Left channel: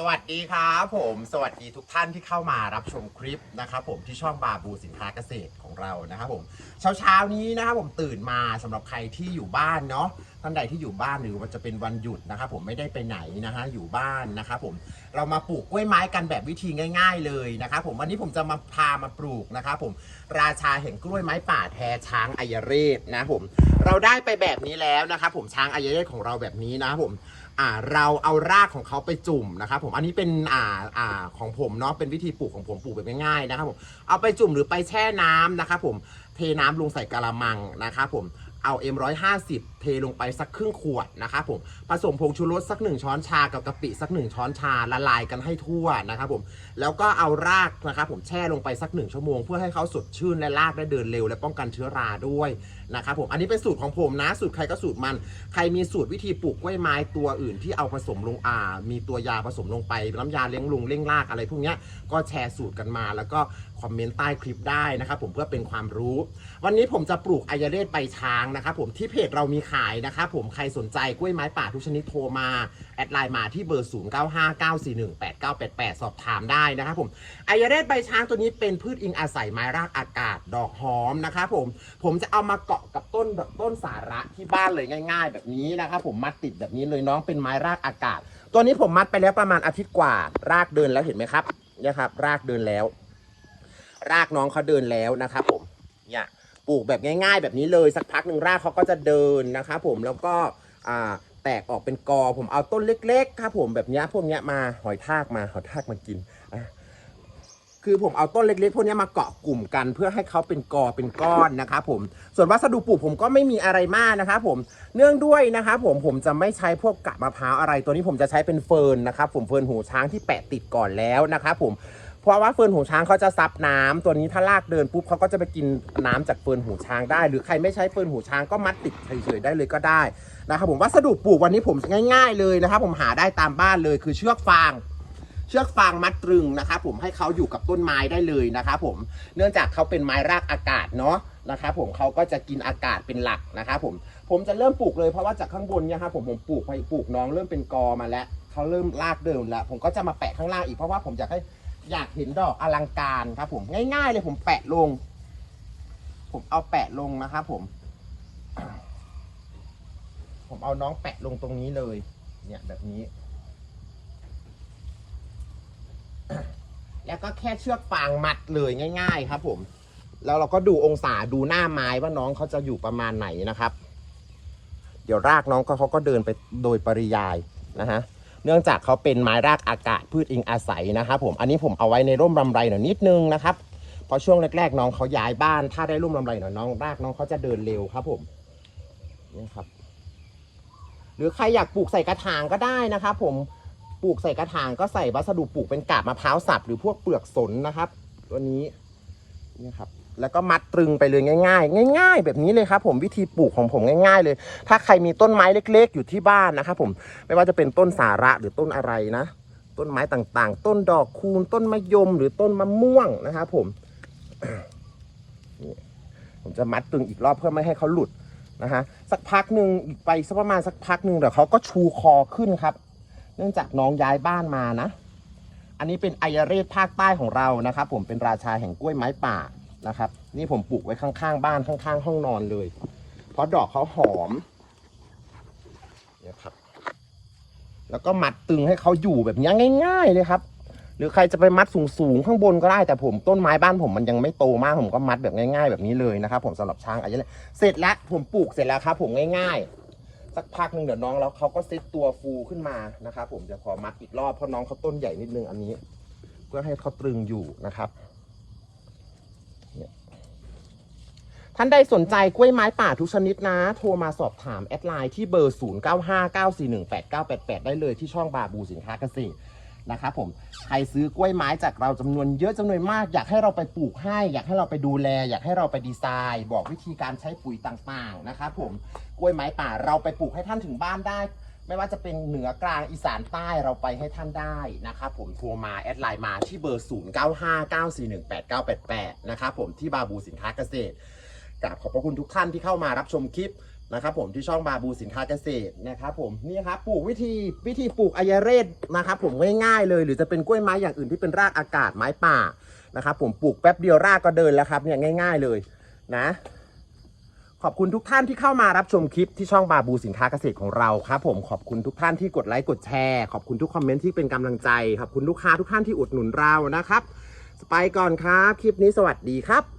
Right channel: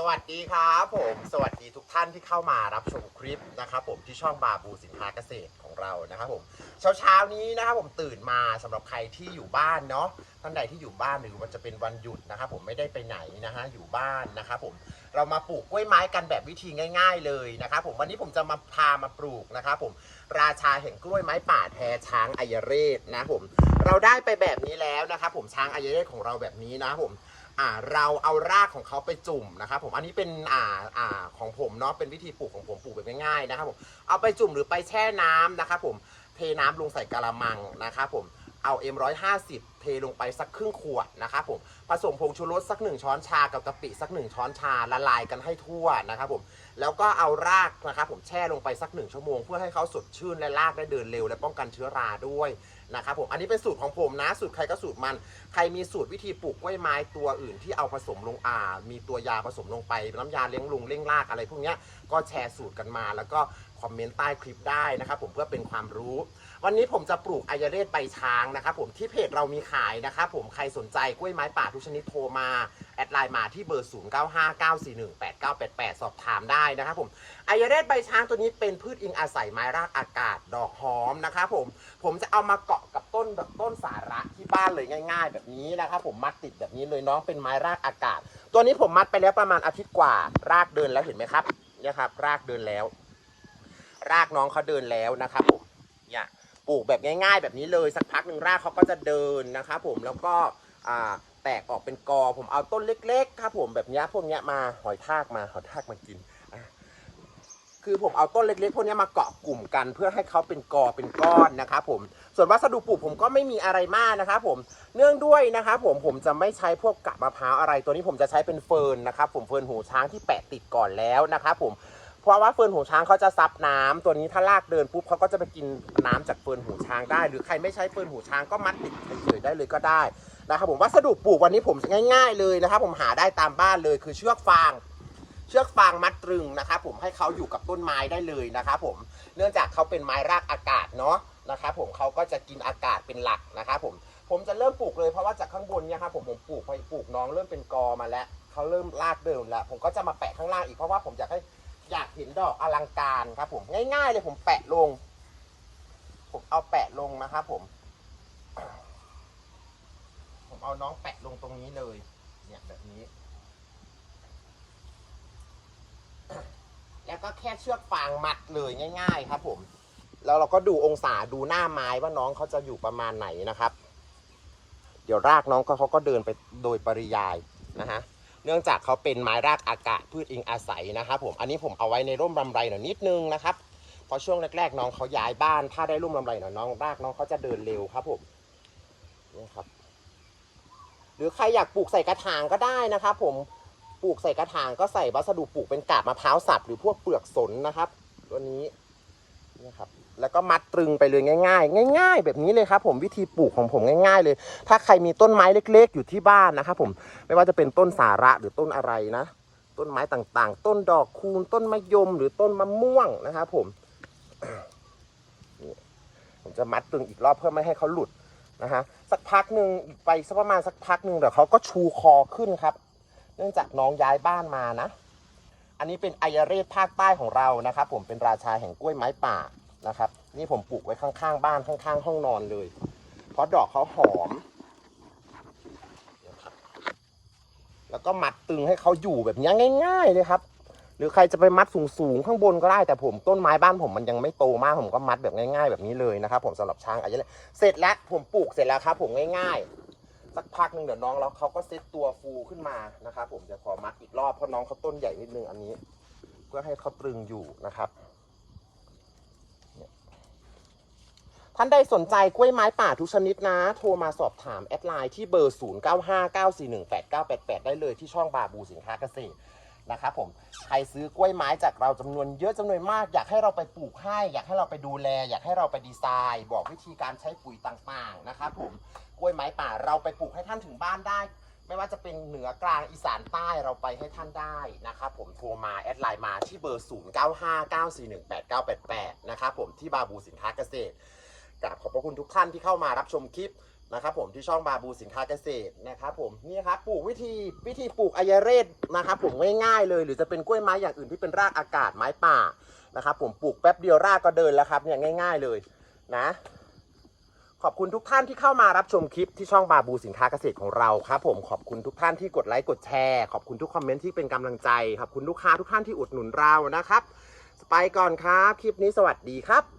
สวัสดีครับผม สวัสดีทุกท่านที่เข้ามารับชมคลิปนะครับผมที่ช่องบาบูสินค้าเกษตรของเรานะครับผมเช้าเช้านี้นะครับผมตื่นมาสำหรับใครที่อยู่บ้านเนาะท่านใดที่อยู่บ้านหรือว่าจะเป็นวันหยุดนะครับผมไม่ได้ไปไหนนะฮะอยู่บ้านนะครับผมเรามาปลูกกล้วยไม้กันแบบวิธีง่าย ๆ เลยนะครับผมวันนี้ผมจะมาพามาปลูกนะครับผมราชาแห่งกล้วยไม้ป่าแทช้างอายเรศนะผมเราได้ไปแบบนี้แล้วนะครับผมช้างอายเรศของเราแบบนี้นะผม อ่าเราเอารากของเขาไปจุ่มนะครับผมอันนี้เป็นอ่าอ่าของผมเนาะเป็นวิธีปลูกของผมปลูกแบบง่ายๆนะครับผมเอาไปจุ่มหรือไปแช่น้ำนะครับผมเทน้ำลงใส่กะละมังนะครับผมเอา M150 เทลงไปสักครึ่งขวดนะครับผมผสมผงชูรสสักหนึ่งช้อนชากับกะปิสักหนึ่งช้อนชาละลายกันให้ทั่วนะครับผมแล้วก็เอารากนะครับผมแช่ลงไปสักหนึ่งชั่วโมง เพื่อให้เขาสดชื่นและรากได้เดินเร็ว และป้องกันเชื้อราด้วยนะครับผมอันนี้เป็นสูตรของผมนะสูตรใครก็สูตรมัน ใครมีสูตรวิธีปลูกกล้วยไม้ตัวอื่นที่เอาผสมลงอ่า มีตัวยาผสมลงไปน้ำยาเลี้ยงลุงเลี้ยงรากอะไรพวกนี้ก็แชร์สูตรกันมา แล้วก็คอมเมนต์ใต้คลิปได้นะครับผมเพื่อเป็นความรู้ วันนี้ผมจะปลูกอายเรศใบช้างนะครับผมที่เพจเรามีขายนะครับผมใครสนใจกล้วยไม้ป่าทุกชนิดโทรมา แอดไลน์มาที่เบอร์ 0959418988 สอบถามได้นะครับผมไอายเรศใบช้างตัวนี้เป็นพืชอิงอาศัยไม้รากอากาศดอกหอมนะครับผมผมจะเอามาเกาะกับต้นแบบต้นสาระที่บ้านเลยง่าย ๆ แบบนี้นะครับผมมัดติดแบบนี้เลยน้องเป็นไม้รากอากาศ ตัวนี้ผมมัดไปแล้วประมาณอาทิตย์กว่า รากเดินแล้วเห็นไหมครับเนี่ยครับ รากเดินแล้ว รากน้องเขาเดินแล้วนะครับผมเนี่ย ปลูกแบบง่าย ๆ แบบนี้เลยสักพักหนึ่งรากเขาก็จะเดินนะครับผมแล้วก็อ่าแตกออกเป็นกอผมเอาต้นเล็กๆครับผมแบบนี้พวกนี้มาหอยทากมาหอยทากมากินอะคือผมเอาต้นเล็กๆ พวกนี้มาเกาะกลุ่มกัน เพื่อให้เขาเป็นกอเป็นก้อนนะครับผมส่วนวัสดุปลูกผมก็ไม่มีอะไรมากนะครับผมเนื่องด้วยนะครับผมผมจะไม่ใช้พวกกะมะพร้าวอะไร ตัวนี้ผมจะใช้เป็นเฟิร์นนะครับผมเฟิร์นหูช้างที่แปะติดก่อนแล้วนะครับผม เพราะว่าเฟิร์นหูช้างเขาจะซับน้ำตัวนี้ถ้าลากเดินปุ๊บเขาก็จะไปกินน้ำจากเฟิร์นหูช้างได้ หรือใครไม่ใช้เฟิร์นหูช้างก็มัดติดเฉยๆได้เลยก็ได้นะครับผมวัสดุปลูกวันนี้ผมง่าย ๆ เลยนะครับผมหาได้ตามบ้านเลยคือเชือกฟางเชือกฟางมัดตรึงนะครับผมให้เขาอยู่กับต้นไม้ได้เลยนะครับผมเนื่องจากเขาเป็นไม้รากอากาศเนาะนะครับผมเขาก็จะกินอากาศเป็นหลักนะครับผมผมจะเริ่มปลูกเลยเพราะว่าจากข้างบนเนี่ยครับผมผมปลูกไปปลูกน้องเริ่มเป็นกอมาแล้วเขาเริ่มรากเดิมแล้ว ผมก็จะมาแปะข้างล่างอีกเพราะว่าผมอยากให้ อยากเห็นดอกอลังการครับผมง่ายๆเลยผมแปะลง ผมเอาแปะลงนะครับผม ผมเอาน้องแปะลงตรงนี้เลย เนี่ยแบบนี้ แล้วก็แค่เชือกฟางมัดเลยง่าย ๆ ครับ ผม แล้วเราก็ดูองศาดูหน้าไม้ว่าน้องเขาจะอยู่ประมาณไหนนะครับ เดี๋ยวรากน้องเขาเขาก็เดินไปโดยปริยายนะฮะ เนื่องจากเขาเป็นไม้รากอากาศพืชอิงอาศัยนะครับผมอันนี้ผมเอาไว้ในร่มรำไรหน่อยนิดนึงนะครับเพราะช่วงแรกๆน้องเขาย้ายบ้าน ถ้าได้ร่มรำไรหน่อยน้องรากน้องเขาจะเดินเร็วครับผมนี่ครับ หรือใครอยากปลูกใส่กระถางก็ได้นะครับผมปลูกใส่กระถางก็ใส่วัสดุปลูกเป็นกาบมะพร้าวสับหรือพวกเปลือกสนนะครับ ตัวนี้นี่ครับ แล้วก็มัดตรึงไปเลยง่าย ๆ ง่าย ๆ แบบนี้เลยครับผมวิธีปลูกของผมง่ายๆ เลย ถ้าใครมีต้นไม้เล็ก ๆ อยู่ที่บ้านนะครับผมไม่ว่าจะเป็นต้นสาระหรือต้นอะไรนะ ต้นไม้ต่างๆ ต้นดอกคูณต้นมะยมหรือต้นมะม่วงนะครับผมผมจะมัดตรึงอีกรอบเพื่อไม่ให้เขาหลุดนะฮะสักพักหนึ่งอีกไปสักประมาณสักพักหนึ่งเดี๋ยวเขาก็ชูคอขึ้นครับ เนื่องจากน้องย้ายบ้านมานะ อันนี้เป็นไอยเรศภาคใต้ของเรานะครับผมเป็นราชาแห่งกล้วยไม้ป่า นะครับ นี่ผมปลูกไว้ข้างๆ บ้านข้างๆ ห้องนอนเลย เพราะดอกเขาหอมนะครับ แล้วก็มัดตึงให้เขาอยู่แบบนี้ง่าย ๆ เลยครับ หรือใครจะไปมัดสูงๆข้างบนก็ได้แต่ผมต้นไม้บ้านผมมันยังไม่โตมากผมก็มัดแบบง่าย ๆ แบบนี้เลยนะครับ ผมสำหรับช้างอายุเลยเสร็จแล้วผมปลูกเสร็จแล้วครับ ผมง่าย ๆ สักพักหนึ่งเดี๋ยวน้องแล้วเขาก็เซตตัวฟูขึ้นมานะครับผมจะขอมัดอีกรอบเพราะน้องเขาต้นใหญ่นิดนึงอันนี้เพื่อให้เขาตรึงอยู่นะครับเนี่ย ท่านใดสนใจกล้วยไม้ป่าทุกชนิดนะ โทรมาสอบถามแอดไลน์ที่เบอร์ 0959418988 ได้เลยที่ช่องบาบูสินค้าเกษตรนะครับผมใครซื้อกล้วยไม้จากเราจำนวนเยอะจำนวนมาก อยากให้เราไปปลูกให้ อยากให้เราไปดูแล อยากให้เราไปดีไซน์ บอกวิธีการใช้ปุ๋ยต่างๆนะครับผมกล้วยไม้ป่าเราไปปลูกให้ท่านถึงบ้านได้ ไม่ว่าจะเป็นเหนือกลางอีสานใต้เราไปให้ท่านได้นะครับผมโทรมาแอดไลน์มาที่เบอร์ 0959418988 นะครับผมที่บาบูสินค้าเกษตร กราบขอบพระคุณทุกท่านที่เข้ามารับชมคลิปนะครับผมที่ช่องบาบูสินค้าเกษตรนะครับผมนี่ครับปลูกวิธีวิธีปลูกอายเรศนะครับผมง่ายๆเลย หรือจะเป็นกล้วยไม้อย่างอื่นที่เป็นรากอากาศไม้ป่านะครับผมปลูกแป๊บเดียวรากก็เดินแล้วครับเนี่ยง่าย ๆเลยนะ ขอบคุณทุกท่านที่เข้ามารับชมคลิปที่ช่องบาบูสินค้าเกษตรของเราครับผมขอบคุณทุกท่านที่กดไลค์กดแชร์ขอบคุณทุกคอมเมนต์ที่เป็นกำลังใจขอบคุณลูกค้าทุกท่านที่อุดหนุนเรานะครับ ไปก่อนครับคลิปนี้สวัสดีครับ